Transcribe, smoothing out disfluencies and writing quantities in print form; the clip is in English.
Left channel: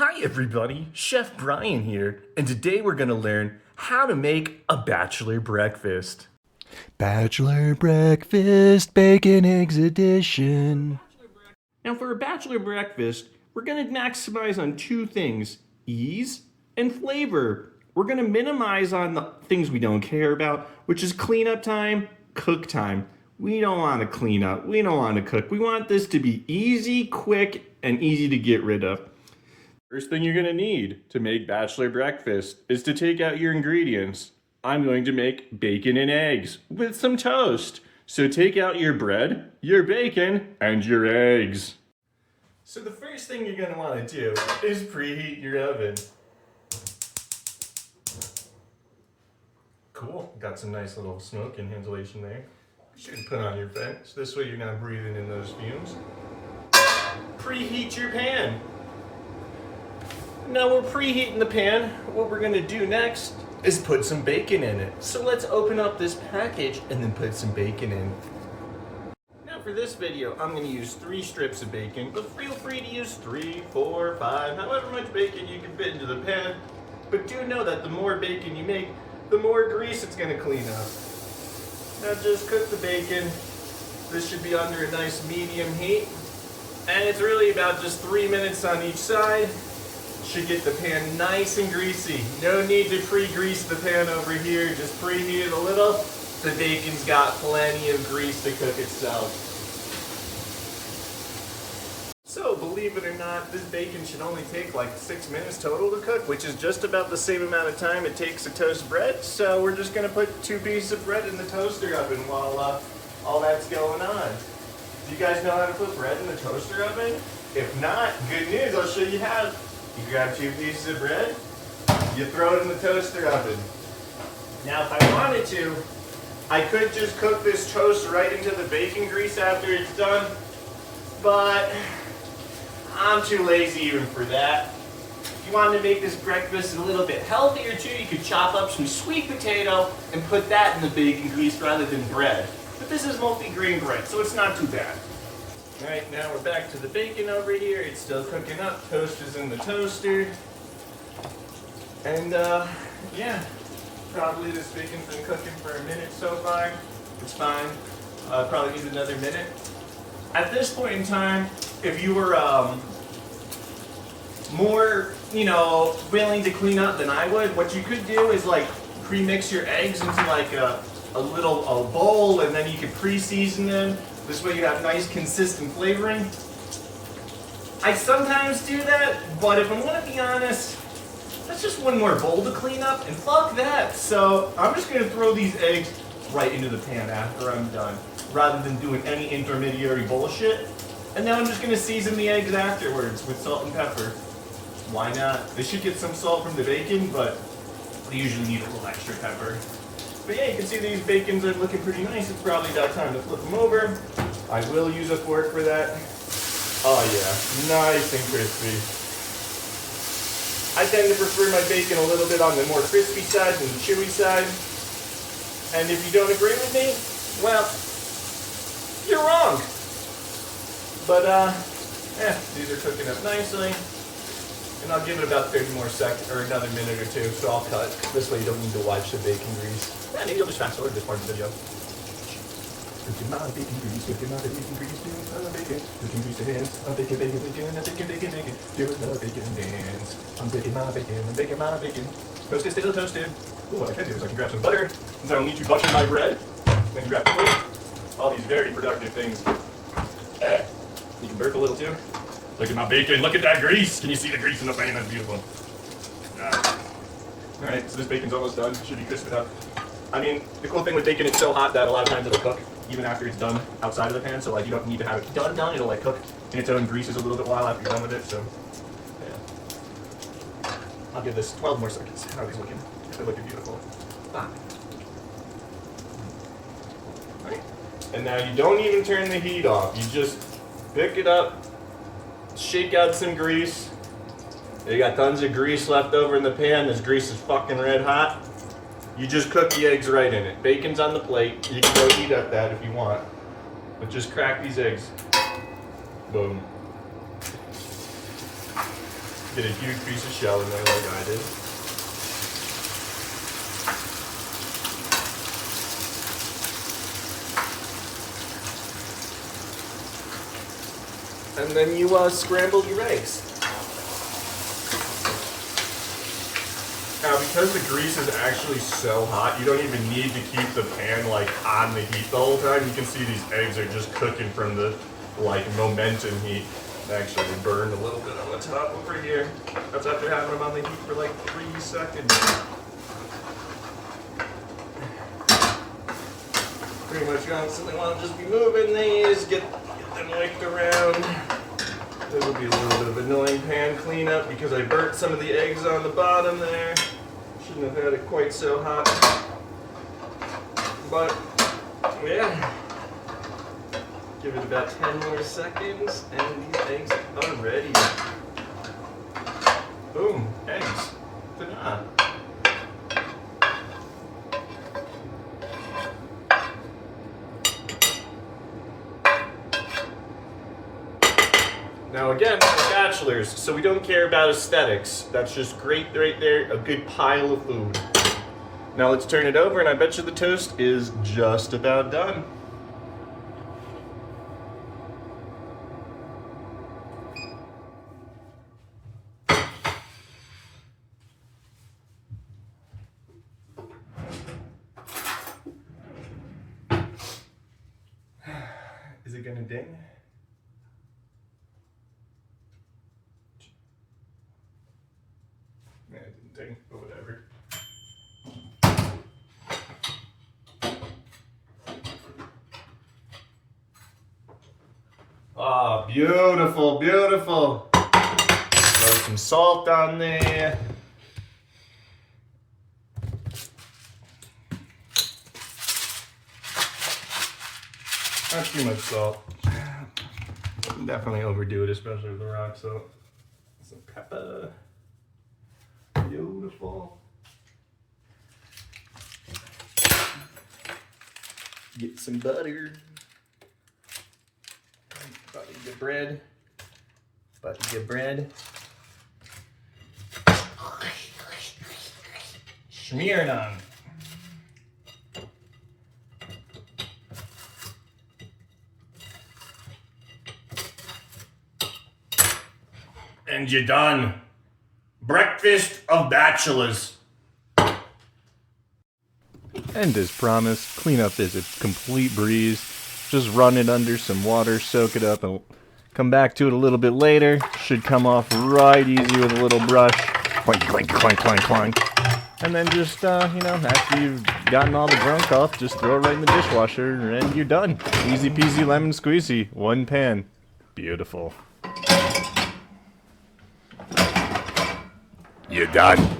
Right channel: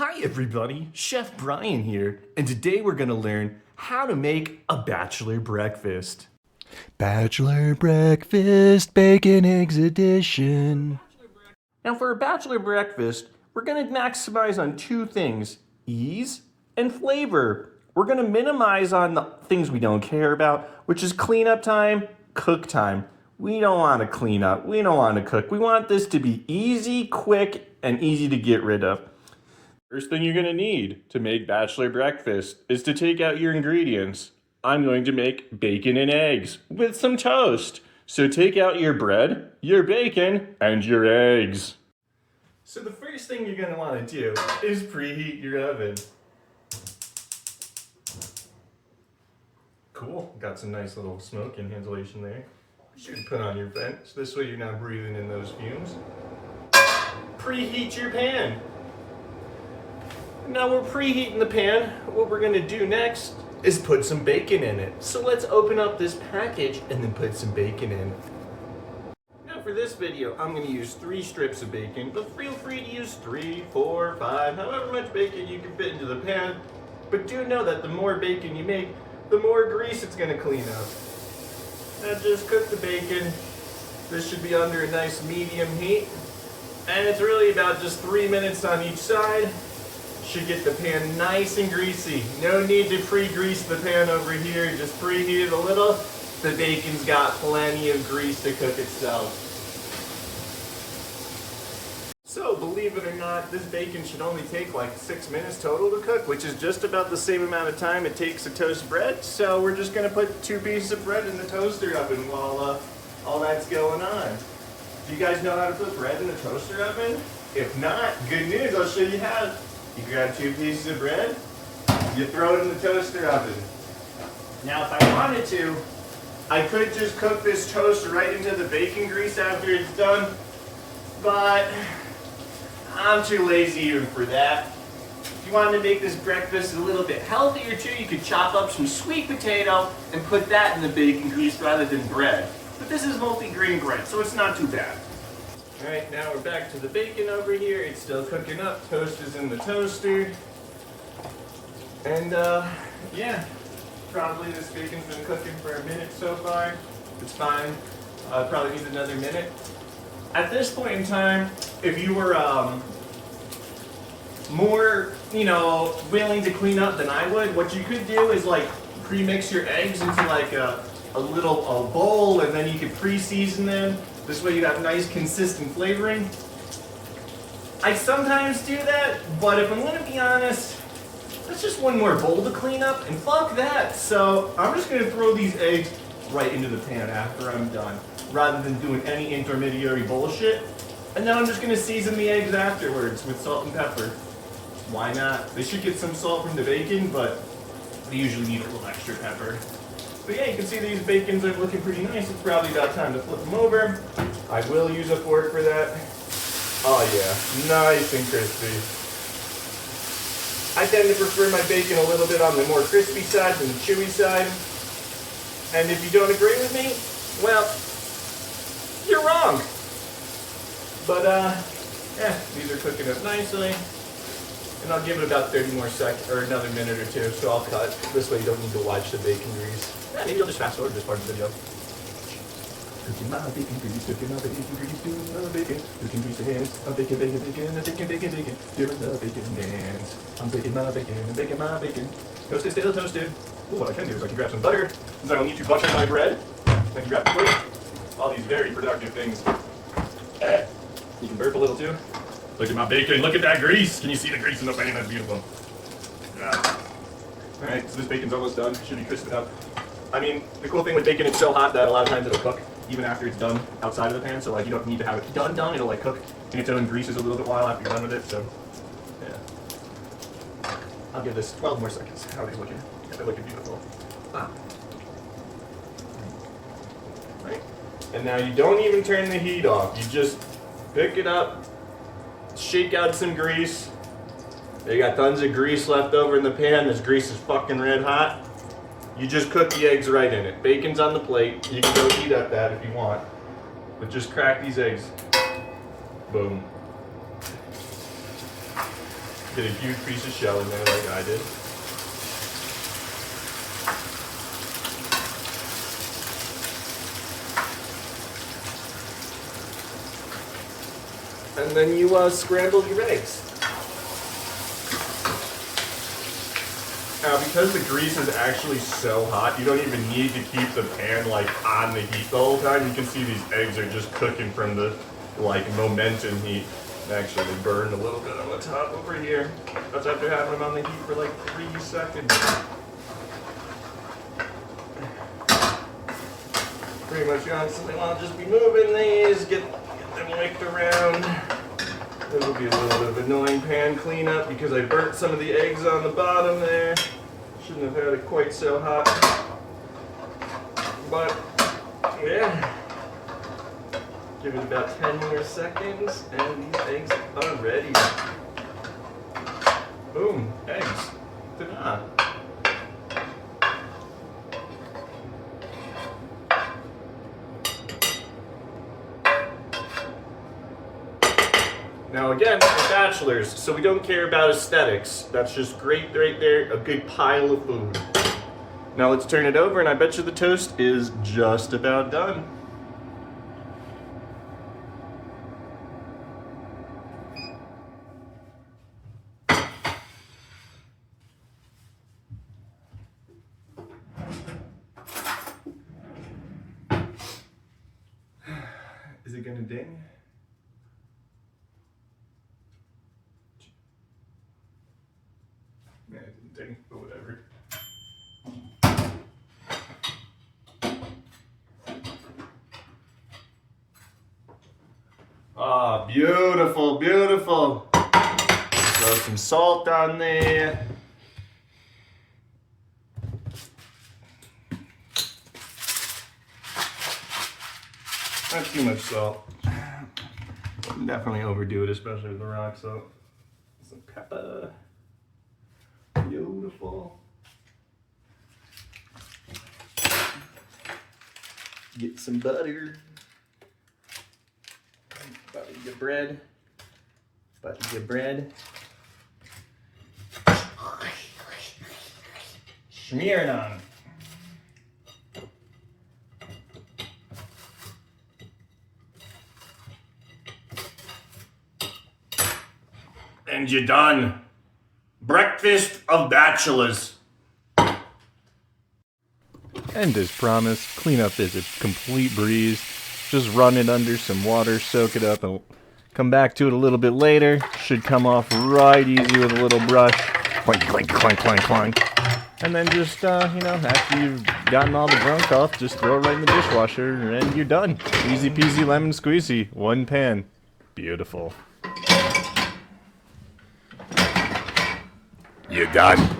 Hi everybody, Chef Brian here, and today we're gonna learn how to make a bachelor breakfast. Bachelor breakfast, bacon, eggs edition. Now for a bachelor breakfast, we're gonna maximize on two things, ease and flavor. We're gonna minimize on the things we don't care about, which is cleanup time, cook time. We don't wanna clean up, we don't wanna cook. We want this to be easy, quick, and easy to get rid of. First thing you're gonna need to make bachelor breakfast is to take out your ingredients. I'm going to make bacon and eggs with some toast. So take out your bread, your bacon, and your eggs. So the first thing you're gonna wanna do is preheat your oven. Cool, got some nice little smoke inhalation there. You should put on your vent, so this way you're not breathing in those fumes. Preheat your pan. Now we're preheating the pan. What we're gonna do next is put some bacon in it. So let's open up this package and then put some bacon in. Now for this video, I'm gonna use 3 strips of bacon, but feel free to use 3, 4, 5, however much bacon you can fit into the pan. But do know that the more bacon you make, the more grease it's gonna clean up. Now just cook the bacon. This should be under a nice medium heat. And it's really about just 3 minutes on each side. Should get the pan nice and greasy. No need to pre-grease the pan over here, just preheat it a little. The bacon's got plenty of grease to cook itself. So believe it or not, this bacon should only take like 6 minutes total to cook, which is just about the same amount of time it takes to toast bread. So we're just gonna put 2 pieces of bread in the toaster oven while all that's going on. Do you guys know how to put bread in the toaster oven? If not, good news, I'll show you how. You grab 2 pieces of bread, you throw it in the toaster oven. Now if I wanted to, I could just cook this toast right into the bacon grease after it's done, but I'm too lazy even for that. If you wanted to make this breakfast a little bit healthier too, you could chop up some sweet potato and put that in the bacon grease rather than bread. But this is multi-grain bread, so it's not too bad. All right, now we're back to the bacon over here. It's still cooking up. Toast is in the toaster. And yeah, probably this bacon's been cooking for a minute so far. It's fine. Probably needs another minute. At this point in time, if you were more, willing to clean up than I would, what you could do is like pre-mix your eggs into like a bowl, and then you could pre-season them. This way you have nice consistent flavoring. I sometimes do that, but if I'm gonna be honest, that's just one more bowl to clean up, and fuck that. So I'm just gonna throw these eggs right into the pan after I'm done, rather than doing any intermediary bullshit. And then I'm just gonna season the eggs afterwards with salt and pepper. Why not? They should get some salt from the bacon, but they usually need a little extra pepper. But yeah, you can see these bacons are looking pretty nice. It's probably about time to flip them over. I will use a fork for that. Oh yeah, nice and crispy. I tend to prefer my bacon a little bit on the more crispy side than the chewy side. And if you don't agree with me, well, you're wrong. But these are cooking up nicely. And I'll give it about 30 more seconds, or another minute or 2, so I'll cut. This way you don't need to watch the bacon grease. Yeah, maybe I'll just fast forward this part of the video. Cooking my bacon grease, cooking my bacon grease, doing the bacon. Cooking grease hands, I'm baking, bacon, bacon, I'm baking, bacon, bacon. Doing the bacon dance. I'm baking my bacon, I'm baking my bacon. Toasted, still toasted. Ooh, what I can do is I can grab some butter, since I don't need to butter my bread. I can grab the plate. All these very productive things. You can burp a little too. Look at my bacon, look at that grease. Can you see the grease in the pan? That's beautiful. Alright, so this bacon's almost done. Should be crisping up. I mean, the cool thing with bacon, it's so hot that a lot of times it'll cook even after it's done outside of the pan. So like you don't need to have it done. It'll like cook in its own greases a little bit while after you're done with it. So yeah. I'll give this 12 more seconds. How are these looking? Yeah, they're looking beautiful. Alright. And now you don't even turn the heat off. You just pick it up. Shake out some grease. You got tons of grease left over in the pan. This grease is fucking red hot. You just cook the eggs right in it. Bacon's on the plate. You can go eat at that if you want. But just crack these eggs. Boom. Get a huge piece of shell in there like I did. And then you scramble your eggs. Now, because the grease is actually so hot, you don't even need to keep the pan like on the heat the whole time. You can see these eggs are just cooking from the like momentum heat. They actually burned a little bit on the top over here. That's after having them on the heat for like 3 seconds. Pretty much constantly want to just be moving these, get them whipped around. This will be a little bit of annoying pan cleanup because I burnt some of the eggs on the bottom there. Shouldn't have had it quite so hot. But, yeah. Give it about 10 more seconds and these eggs are ready. Boom, eggs. Ta-da. Now again, we're bachelors, so we don't care about aesthetics. That's just great right there, a good pile of food. Now let's turn it over and I bet you the toast is just about done. Is it gonna ding? Yeah, it didn't ding, but whatever. Ah, beautiful, beautiful. Throw some salt on there. Not too much salt. Definitely overdo it, especially with the rock salt. Some pepper. Beautiful. Get some butter. Butter your bread. Butter your bread. Smear it on. And you're done. Breakfast of bachelors. And as promised, cleanup is a complete breeze. Just run it under some water, soak it up, and come back to it a little bit later. Should come off right easy with a little brush. Clank, clank, clank, clank, clank. And then just, after you've gotten all the gunk off, just throw it right in the dishwasher and you're done. Easy peasy lemon squeezy. One pan. Beautiful. You're done.